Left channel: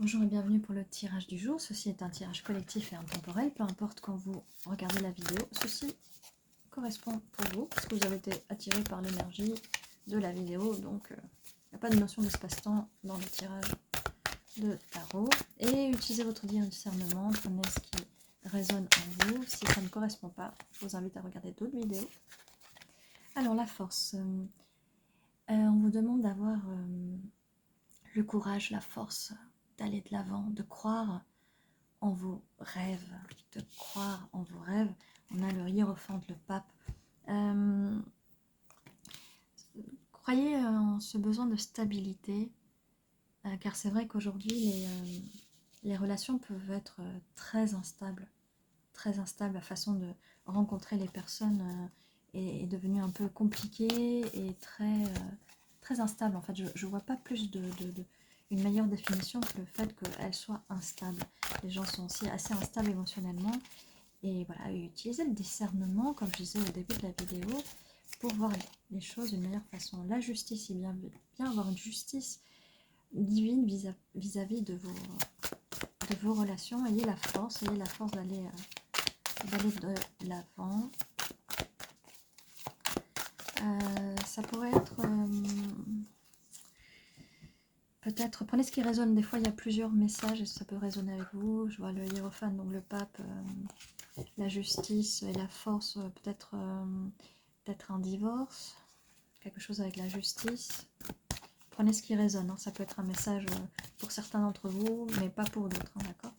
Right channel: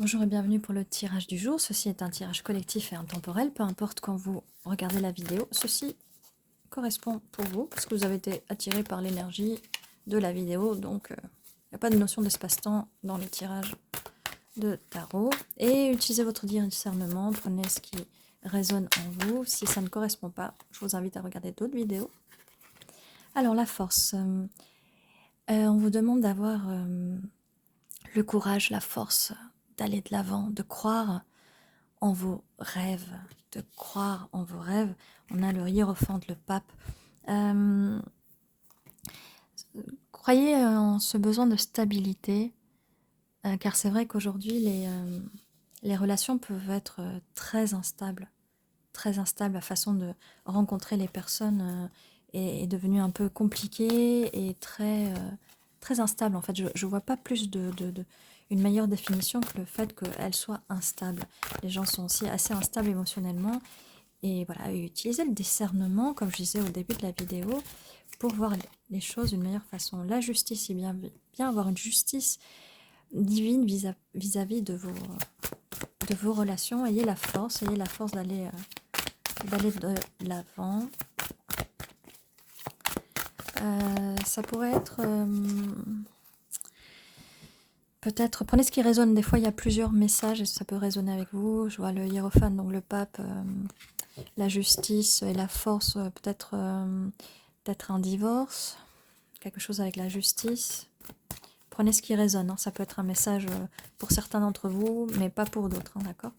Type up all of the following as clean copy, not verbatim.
Bonjour et bienvenue pour le tirage du jour. Ceci est un tirage collectif et intemporel. Peu importe quand vous regardez la vidéo, ceci correspond pour vous parce que vous avez été attiré par l'énergie de la vidéo. Donc, il n'y a pas de notion d'espace-temps dans le tirage de tarot. Et utilisez votre discernement, prenez ce qui résonne en vous. Si ça ne correspond pas, je vous invite à regarder d'autres vidéos. Alors, la force. On vous demande d'avoir le courage, la force d'aller de l'avant, de croire en vos rêves, de croire en vos rêves. On a le hiérophante, le pape. Croyez en ce besoin de stabilité, car c'est vrai qu'aujourd'hui, les relations peuvent être très instables. Très instables. La façon de rencontrer les personnes est devenue un peu compliquée et très instable. En fait, je ne vois pas plus une meilleure définition que le fait qu'elle soit instable. Les gens sont aussi assez instables émotionnellement. Et voilà, utiliser le discernement, comme je disais au début de la vidéo, pour voir les choses d'une meilleure façon. La justice, c'est bien avoir une justice divine vis-à-vis de vos relations. Ayez la force d'aller de l'avant. Ça pourrait être... peut-être, prenez ce qui résonne. Des fois, il y a plusieurs messages et ça peut résonner avec vous. Je vois le hiérophant, donc le pape, la justice et la force, peut-être un divorce, quelque chose avec la justice. Prenez ce qui résonne, hein. Ça peut être un message pour certains d'entre vous, mais pas pour d'autres, hein, d'accord?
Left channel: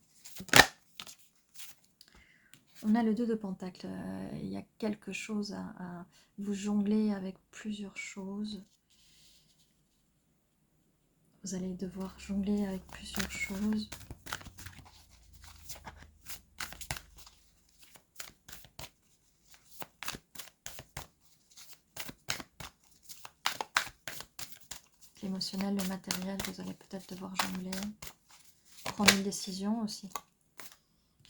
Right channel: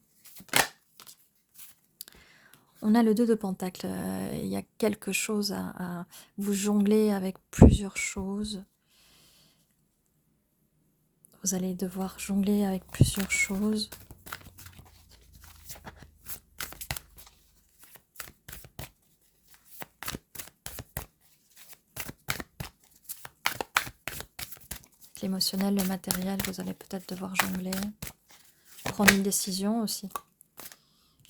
On a le 2 de Pentacle. Il y a quelque chose à vous jongler avec plusieurs choses. Vous allez devoir jongler avec plusieurs choses. L'émotionnel, le matériel, vous allez peut-être devoir jongler. Prendre une décision aussi.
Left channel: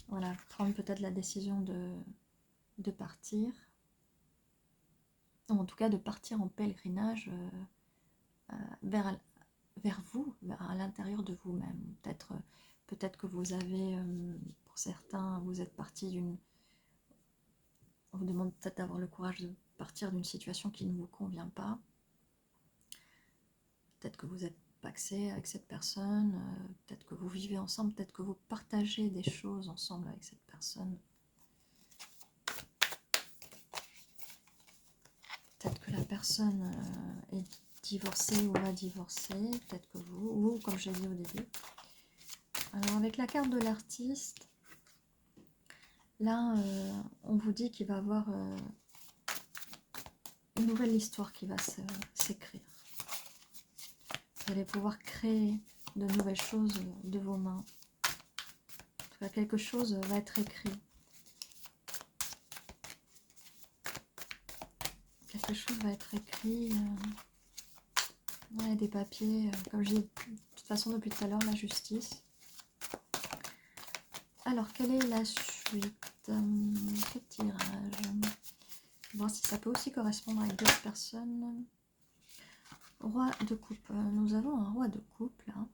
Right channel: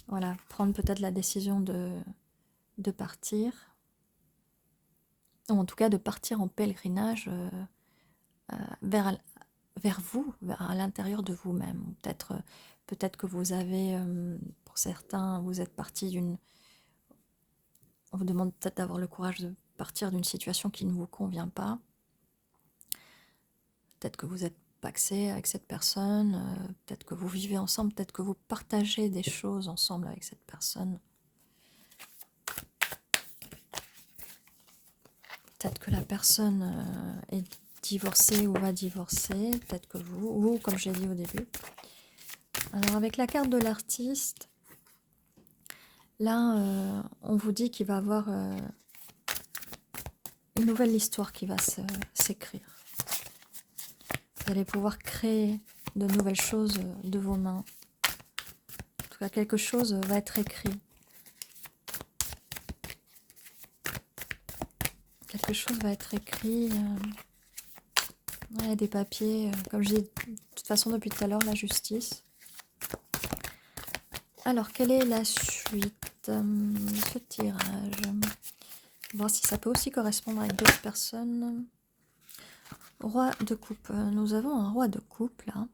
Voilà, prendre peut-être la décision de partir. Ou en tout cas de partir en pèlerinage vers vous, à l'intérieur de vous-même. Peut-être que vous avez, pour certains, vous êtes parti d'une... On vous demande peut-être d'avoir le courage de partir d'une situation qui ne vous convient pas. Peut-être que vous êtes pacsé avec cette personne, peut-être que vous vivez ensemble, peut-être que vous partagez des choses ensemble avec cette personne. Peut-être que la personne est divorcée ou va divorcer, peut-être que vous, ou comme j'ai dit au début. Alors avec la carte de l'artiste, là on vous dit qu'il va y avoir une nouvelle histoire qui va s'écrire. Vous allez pouvoir créer de nouvelles choses de vos mains. En tout cas, quelque chose va être écrit. Quelque chose va être écrit. Ouais, des papiers, comme je dis de toute façon depuis tout à l'heure, la justice. Alors, quelle est la suite de ce tirage? On va voir si ça peut aussi correspondre avec d'autres personnes. Roi de coupe. Nous avons un roi de coupe, là.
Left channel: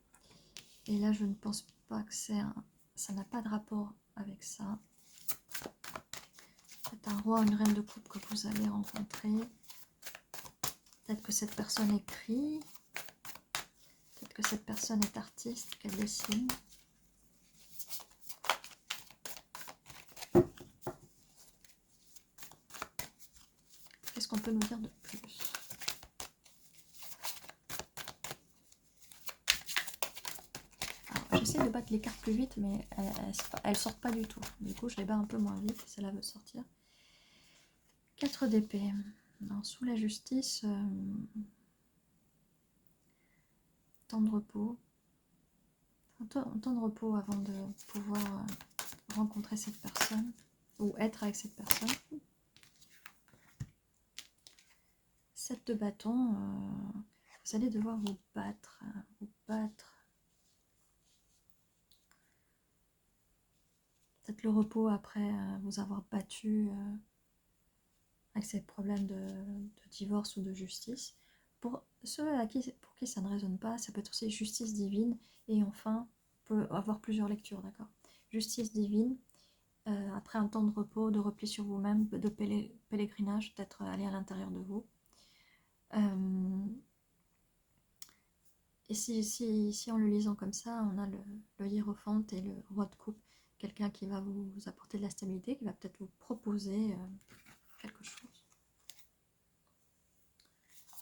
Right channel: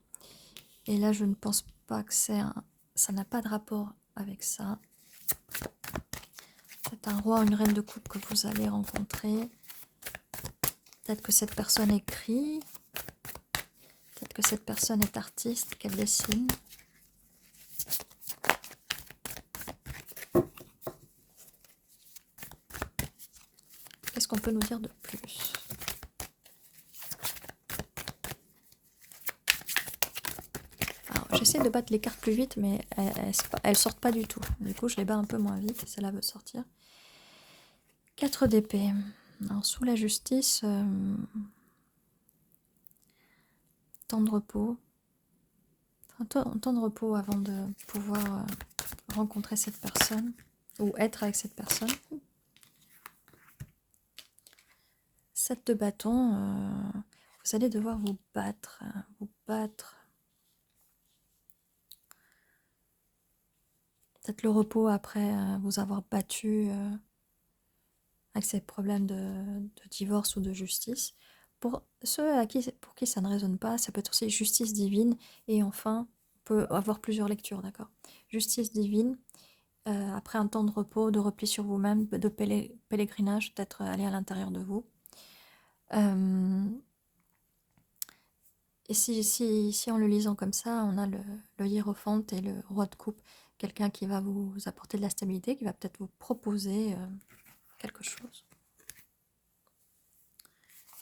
Et là, je ne pense pas que ça n'a pas de rapport avec ça. C'est un roi ou une reine de coupe que vous allez rencontrer. Peut-être que cette personne écrit. Peut-être que cette personne est artiste, qu'elle dessine. Qu'est-ce qu'on peut nous dire de plus? J'essaie de battre les cartes plus vite, mais elles sortent pas du tout. Du coup, je les bats un peu moins vite. Celle-là veut sortir. 4 d'épée. Alors, sous la justice, temps de repos. Un temps de repos avant de pouvoir rencontrer cette personne ou être avec cette personne. 7 de bâton. Vous allez devoir vous battre. Peut-être le repos après vous avoir battu avec ces problèmes de divorce ou de justice. Pour ceux pour qui ça ne résonne pas, ça peut être aussi justice divine. Et enfin, peut avoir plusieurs lectures, d'accord? Justice divine, après un temps de repos, de repli sur vous-même, de pèlerinage, peut-être aller à l'intérieur de vous. Et si en le lisant comme ça, on a le hiérophante et le roi de coupe, quelqu'un qui va vous apporter de la stabilité, qui va peut-être vous proposer quelque chose.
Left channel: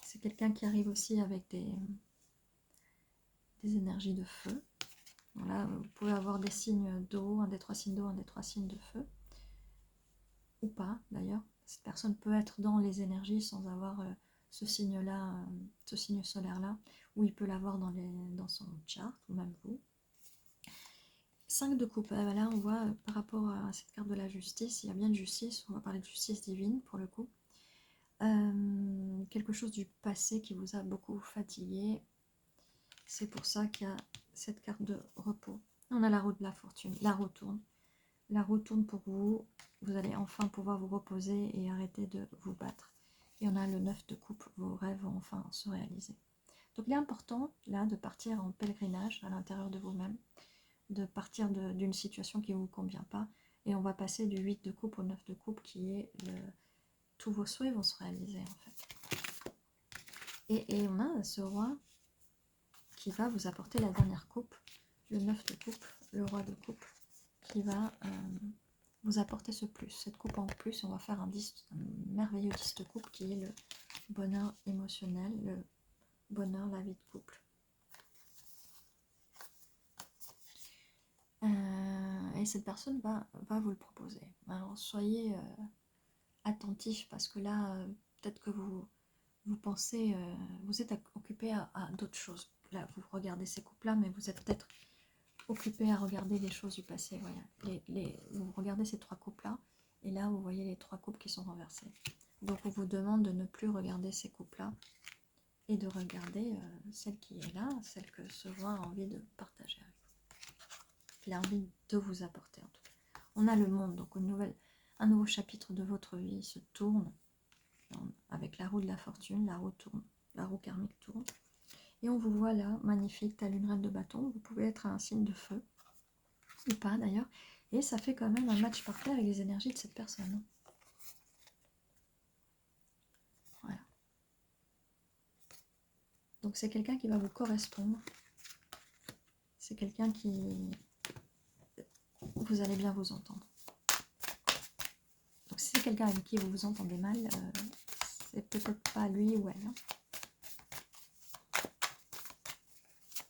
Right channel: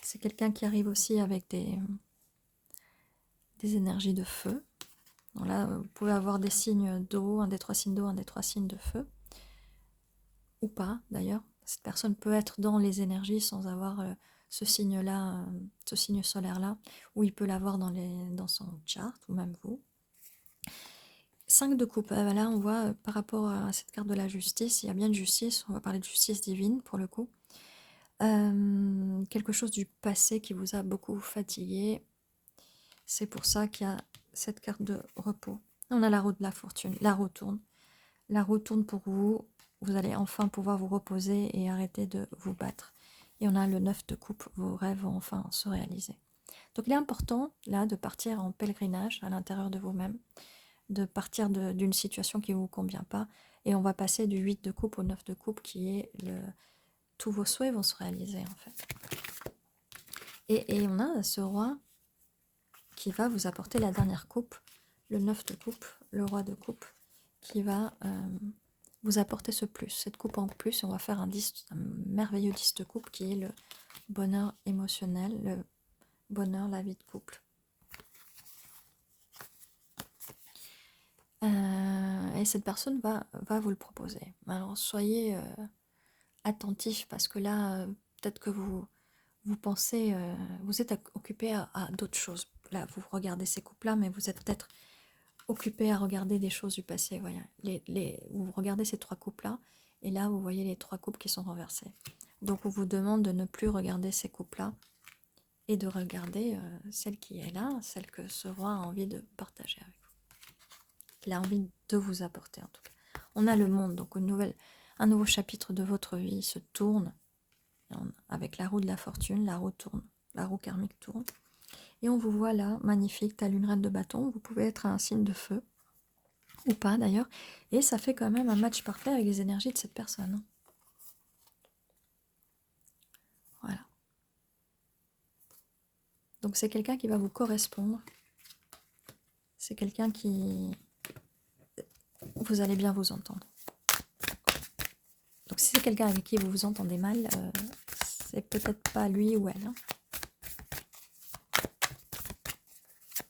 C'est quelqu'un qui arrive aussi avec des énergies de feu. Donc là, vous pouvez avoir des signes d'eau, un des 3 signes d'eau, un des 3 signes de feu. Ou pas, d'ailleurs. Cette personne peut être dans les énergies sans avoir ce signe-là, ce signe solaire-là, ou il peut l'avoir dans son chart, ou même vous. 5 de coupe, là on voit par rapport à cette carte de la justice, il y a bien de justice, on va parler de justice divine pour le coup. Quelque chose du passé qui vous a beaucoup fatigué. C'est pour ça qu'il y a cette carte de repos. On a la roue de la fortune, la roue tourne. La roue tourne pour vous, vous allez enfin pouvoir vous reposer et arrêter de vous battre. Et on a le 9 de coupe, vos rêves vont enfin se réaliser. Donc il est important là de partir en pèlerinage à l'intérieur de vous-même, de partir d'une situation qui ne vous convient pas. Et on va passer du 8 de coupe au 9 de coupe qui est tous vos souhaits vont se réaliser en fait. Et on a ce roi qui va vous apporter la dernière coupe, le 9 de coupe, le roi de coupe, qui va vous apporter ce plus, cette coupe en plus. On va faire un merveilleux 10 de coupe qui est le bonheur émotionnel, le bonheur, la vie de couple. Et cette personne va vous le proposer. Alors soyez attentifs parce que là, peut-être que vous pensez, vous êtes occupé à d'autres choses. Là, vous regardez ces couples-là, mais vous êtes peut-être occupé à regarder des choses du passé. Voilà. Vous regardez ces 3 couples-là, et là, vous voyez les 3 couples qui sont renversés. Donc, on vous demande de ne plus regarder ces couples-là et de regarder celle qui est là, celle que ce roi a envie de partager avec vous. Il a envie de vous apporter, en tout cas. On a le monde, donc un nouveau chapitre de votre vie se tourne avec la roue de la fortune, la roue tourne, la roue karmique tourne. Et on vous voit là, magnifique, telle une reine de bâton. Vous pouvez être un signe de feu, ou pas d'ailleurs. Et ça fait quand même un match parfait avec les énergies de cette personne. Voilà. Donc c'est quelqu'un qui va vous correspondre. C'est quelqu'un qui... Vous allez bien vous entendre. Donc si c'est quelqu'un avec qui vous vous entendez mal, c'est peut-être pas lui ou elle.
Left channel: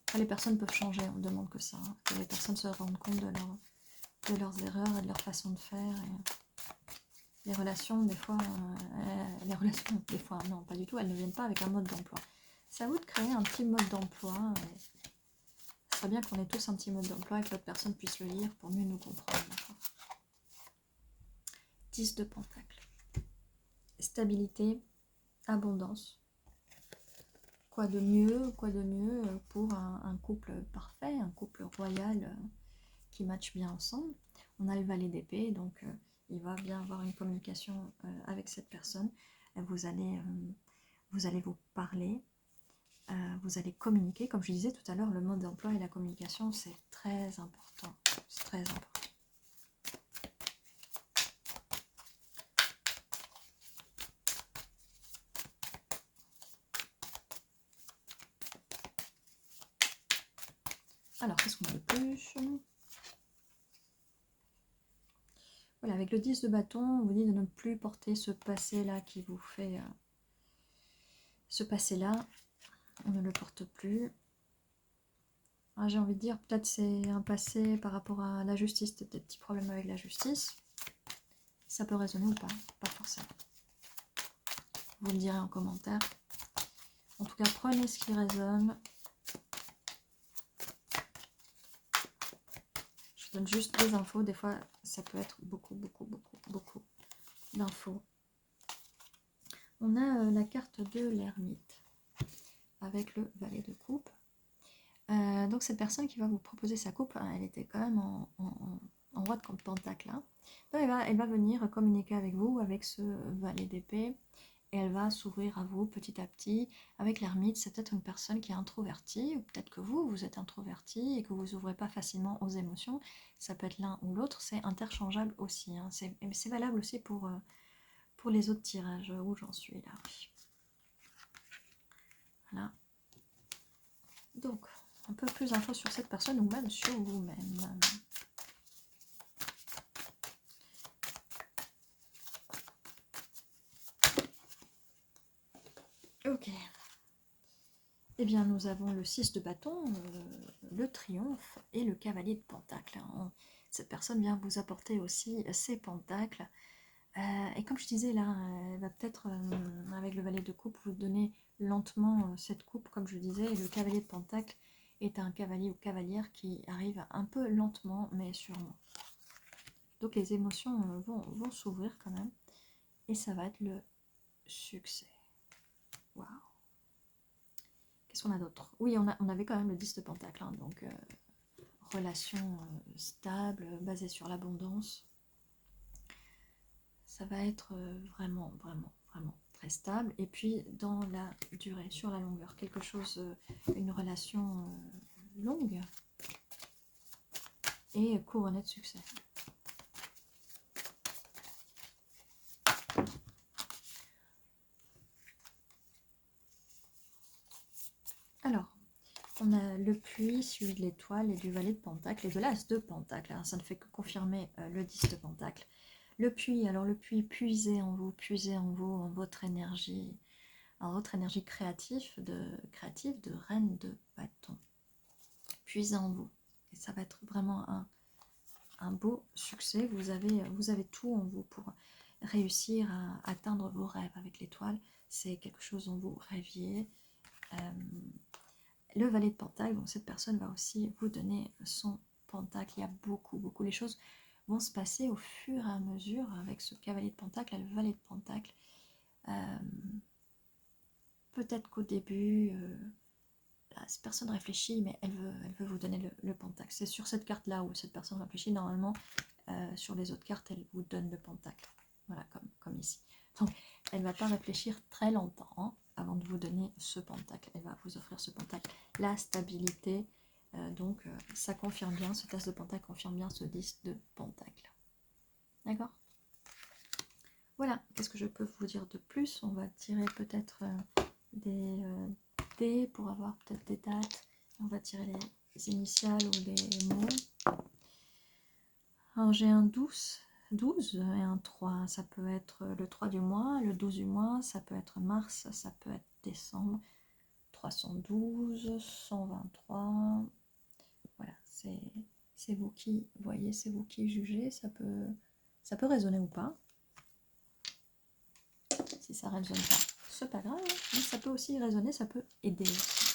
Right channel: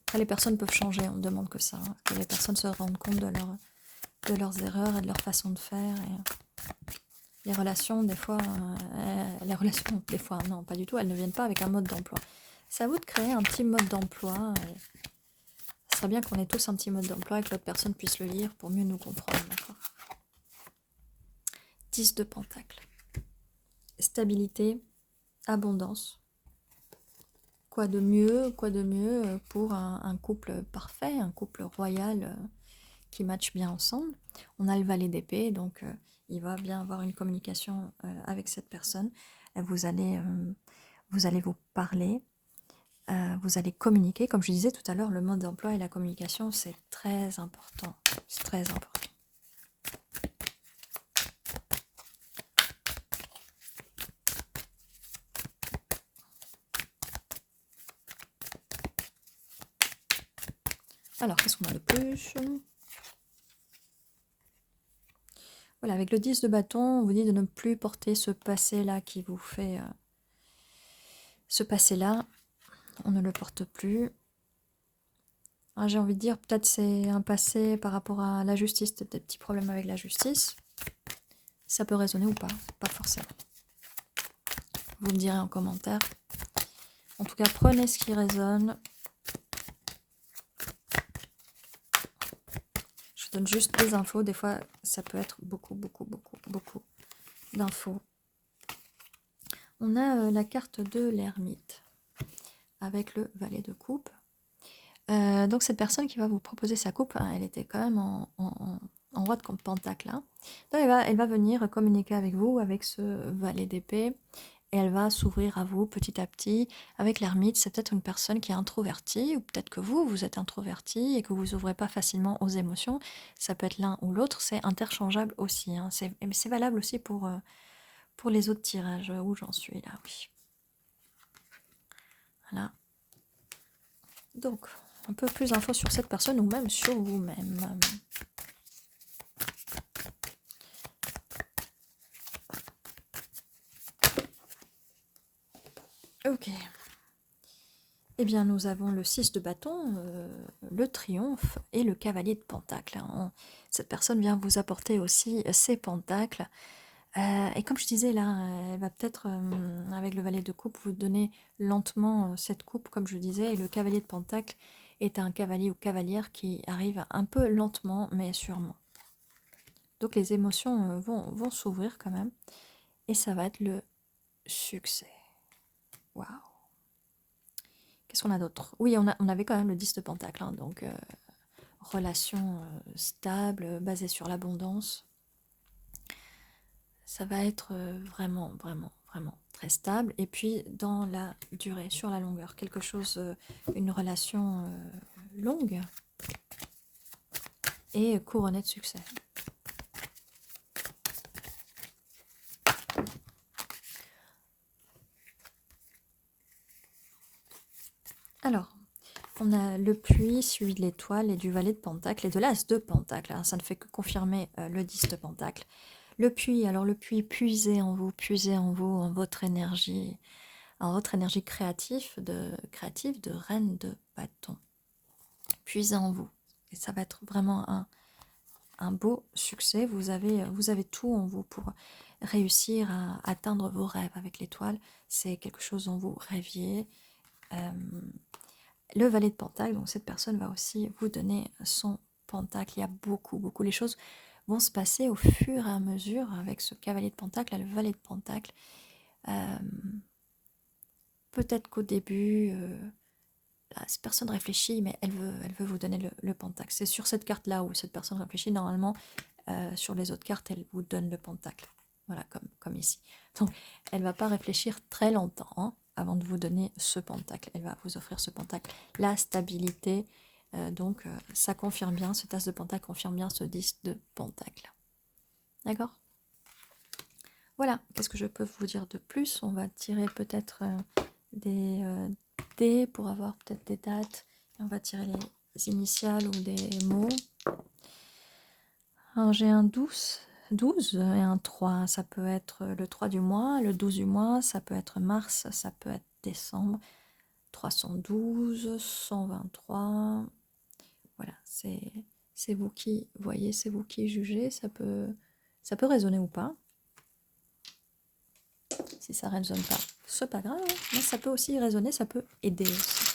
Après, les personnes peuvent changer, on ne demande que ça. Hein, que les personnes se rendent compte de leurs erreurs et de leur façon de faire. Et les relations, des fois, non, pas du tout, elles ne viennent pas avec un mode d'emploi. C'est à vous de créer un petit mode d'emploi. Ce serait bien qu'on ait tous un petit mode d'emploi et que l'autre personne puisse le lire pour mieux nous comprendre. 10 de pentacle. Stabilité, abondance. Quoi de mieux pour un couple parfait, un couple royal qui match bien ensemble. On a le valet d'épée, donc il va bien avoir une communication avec cette personne. Vous allez vous parler, vous allez communiquer. Comme je disais tout à l'heure, le mode d'emploi et la communication, c'est très important. C'est très important. Alors, qu'est-ce qu'on a de plus? Voilà, avec le 10 de bâton, on vous dit de ne plus porter ce passé-là qui vous fait... ce passé-là, on ne le porte plus. J'ai envie de dire, peut-être c'est un passé par rapport à la justice, peut-être des petits problèmes avec la justice. Ça peut résonner ou pas, pas forcément. Vous me direz en commentaire. En tout cas, prenez ce qui résonne. Je donne juste des infos. Des fois, ça peut être beaucoup d'infos. On a la carte de l'ermite avec le valet de coupe. Donc cette personne qui va vous proposer sa coupe, hein, elle était quand même en roi de pentacle. Hein. Donc elle va venir communiquer avec vous avec ce valet d'épée et elle va s'ouvrir à vous petit à petit. Avec l'ermite, c'est peut-être une personne qui est introvertie, ou peut-être que vous êtes introverti et que vous ouvrez pas facilement aux émotions. Ça peut être l'un ou l'autre, c'est interchangeable aussi, hein. C'est valable aussi pour les autres tirages, où j'en suis là, oui. Voilà. Donc, un peu plus d'infos sur cette personne ou même sur vous-même. Ok. Eh bien, nous avons le 6 de bâton, le triomphe et le cavalier de pentacle. Cette personne vient vous apporter aussi ses pentacles. Et comme je disais là, elle va peut-être, avec le valet de coupe, vous donner lentement cette coupe, comme je disais. Et le cavalier de pentacle est un cavalier ou cavalière qui arrive un peu lentement, mais sûrement. Donc les émotions vont s'ouvrir quand même. Et ça va être le succès. Waouh! Qu'est-ce qu'on a d'autre? Oui, on avait quand même le 10 de pentacle, hein, donc relation stable, basée sur l'abondance. Ça va être vraiment, vraiment, vraiment très stable. Et puis dans la durée, sur la longueur, quelque chose, une relation longue et couronnée de succès. Alors, on a le puits suivi de l'étoile et du valet de pentacle et de l'as de pentacle, hein. Ça ne fait que confirmer le 10 de pentacle. Le puits, alors le puits, puisez en vous, en votre énergie créative de reine de bâton. Puisez en vous. Et ça va être vraiment un beau succès. Vous avez tout en vous pour réussir à atteindre vos rêves avec l'étoile. C'est quelque chose dont vous rêviez. Le valet de pentacle, donc cette personne va aussi vous donner son pentacle. Il y a beaucoup. Les choses vont se passer au fur et à mesure avec ce cavalier de pentacle et le valet de pentacle. Peut-être qu'au début, cette personne réfléchit, mais elle veut vous donner le pentacle. C'est sur cette carte-là où cette personne réfléchit. Normalement, sur les autres cartes, elle vous donne le pentacle. Voilà, comme ici. Donc, elle ne va pas réfléchir très longtemps, hein, avant de vous donner ce pentacle. Elle va vous offrir ce pentacle. La stabilité, donc ça confirme bien, ce tas de pentacle confirme bien ce 10 de pentacle. D'accord? Voilà, qu'est-ce que je peux vous dire de plus? On va tirer peut-être des dés pour avoir peut-être des dates. On va tirer les initiales ou des mots. Alors j'ai un 12 et un 3. Ça peut être le 3 du mois, le 12 du mois, ça peut être mars, ça peut être décembre. 312, 123. Voilà, c'est vous qui voyez, c'est vous qui jugez. Ça peut résonner ou pas. Si ça ne résonne pas, c'est pas grave, hein. Mais ça peut aussi résonner, ça peut aider aussi.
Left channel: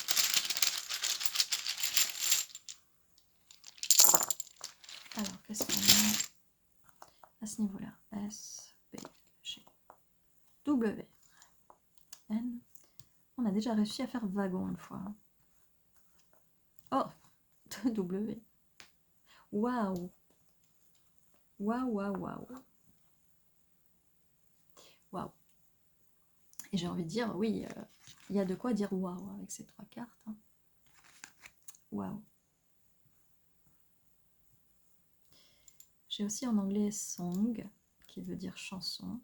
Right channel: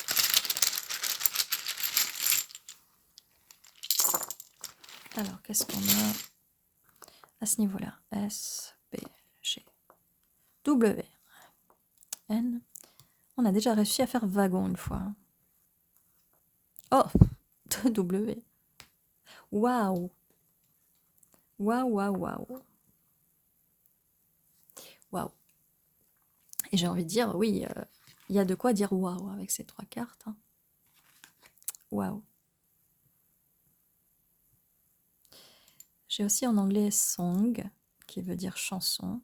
Alors, qu'est-ce qu'on a à ce niveau-là? S, B, G, W, N. On a déjà réussi à faire wagon une fois. Oh, W. Waouh. Waouh, waouh, waouh. Waouh. Et j'ai envie de dire, oui, il y a de quoi dire waouh avec ces trois cartes, hein. Waouh. J'ai aussi en anglais song, qui veut dire chanson.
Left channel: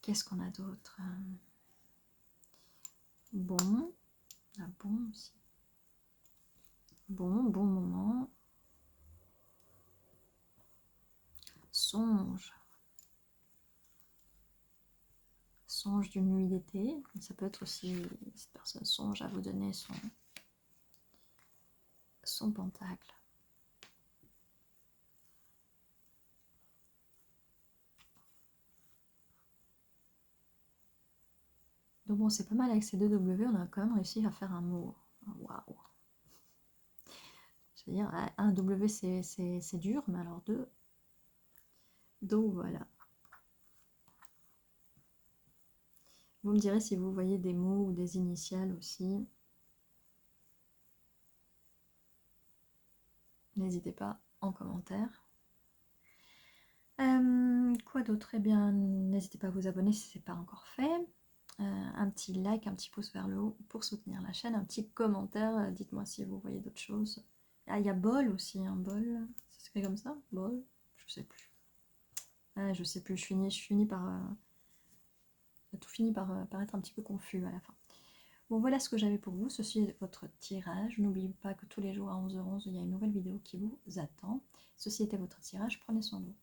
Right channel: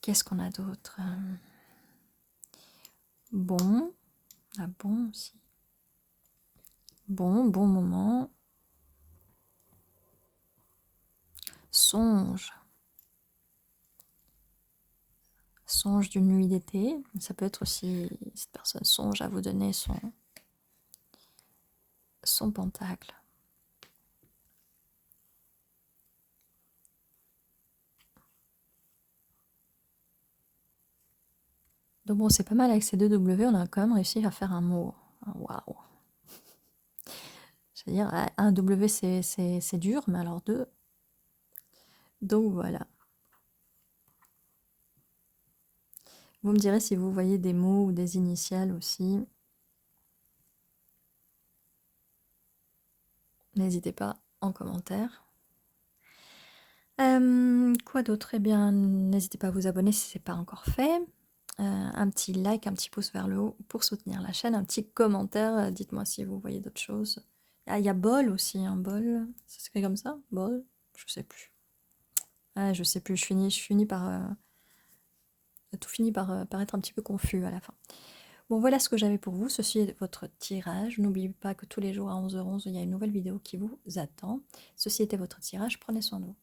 Qu'est-ce qu'on a d'autre? Bon. Ah bon aussi. Bon moment. Songe. Songe d'une nuit d'été. Ça peut être aussi, cette personne songe à vous donner son pentacle. Donc bon, c'est pas mal avec ces deux W, on a quand même réussi à faire un mot. Waouh. C'est-à-dire, un W c'est dur, mais alors deux. Donc voilà. Vous me direz si vous voyez des mots ou des initiales aussi. N'hésitez pas en commentaire. Quoi d'autre? Eh bien, n'hésitez pas à vous abonner si ce n'est pas encore fait. Un petit like, un petit pouce vers le haut pour soutenir la chaîne, un petit commentaire, dites-moi si vous voyez d'autres choses. Ah, il y a bol aussi, un bol, ça s'écrit comme ça? Bol? Je sais plus. Ah, je sais plus, je finis par... tout finit par être un petit peu confus à la fin. Bon, voilà ce que j'avais pour vous. Ceci est votre tirage. N'oubliez pas que tous les jours à 11h11, il y a une nouvelle vidéo qui vous attend. Ceci était votre tirage. Prenez soin de vous.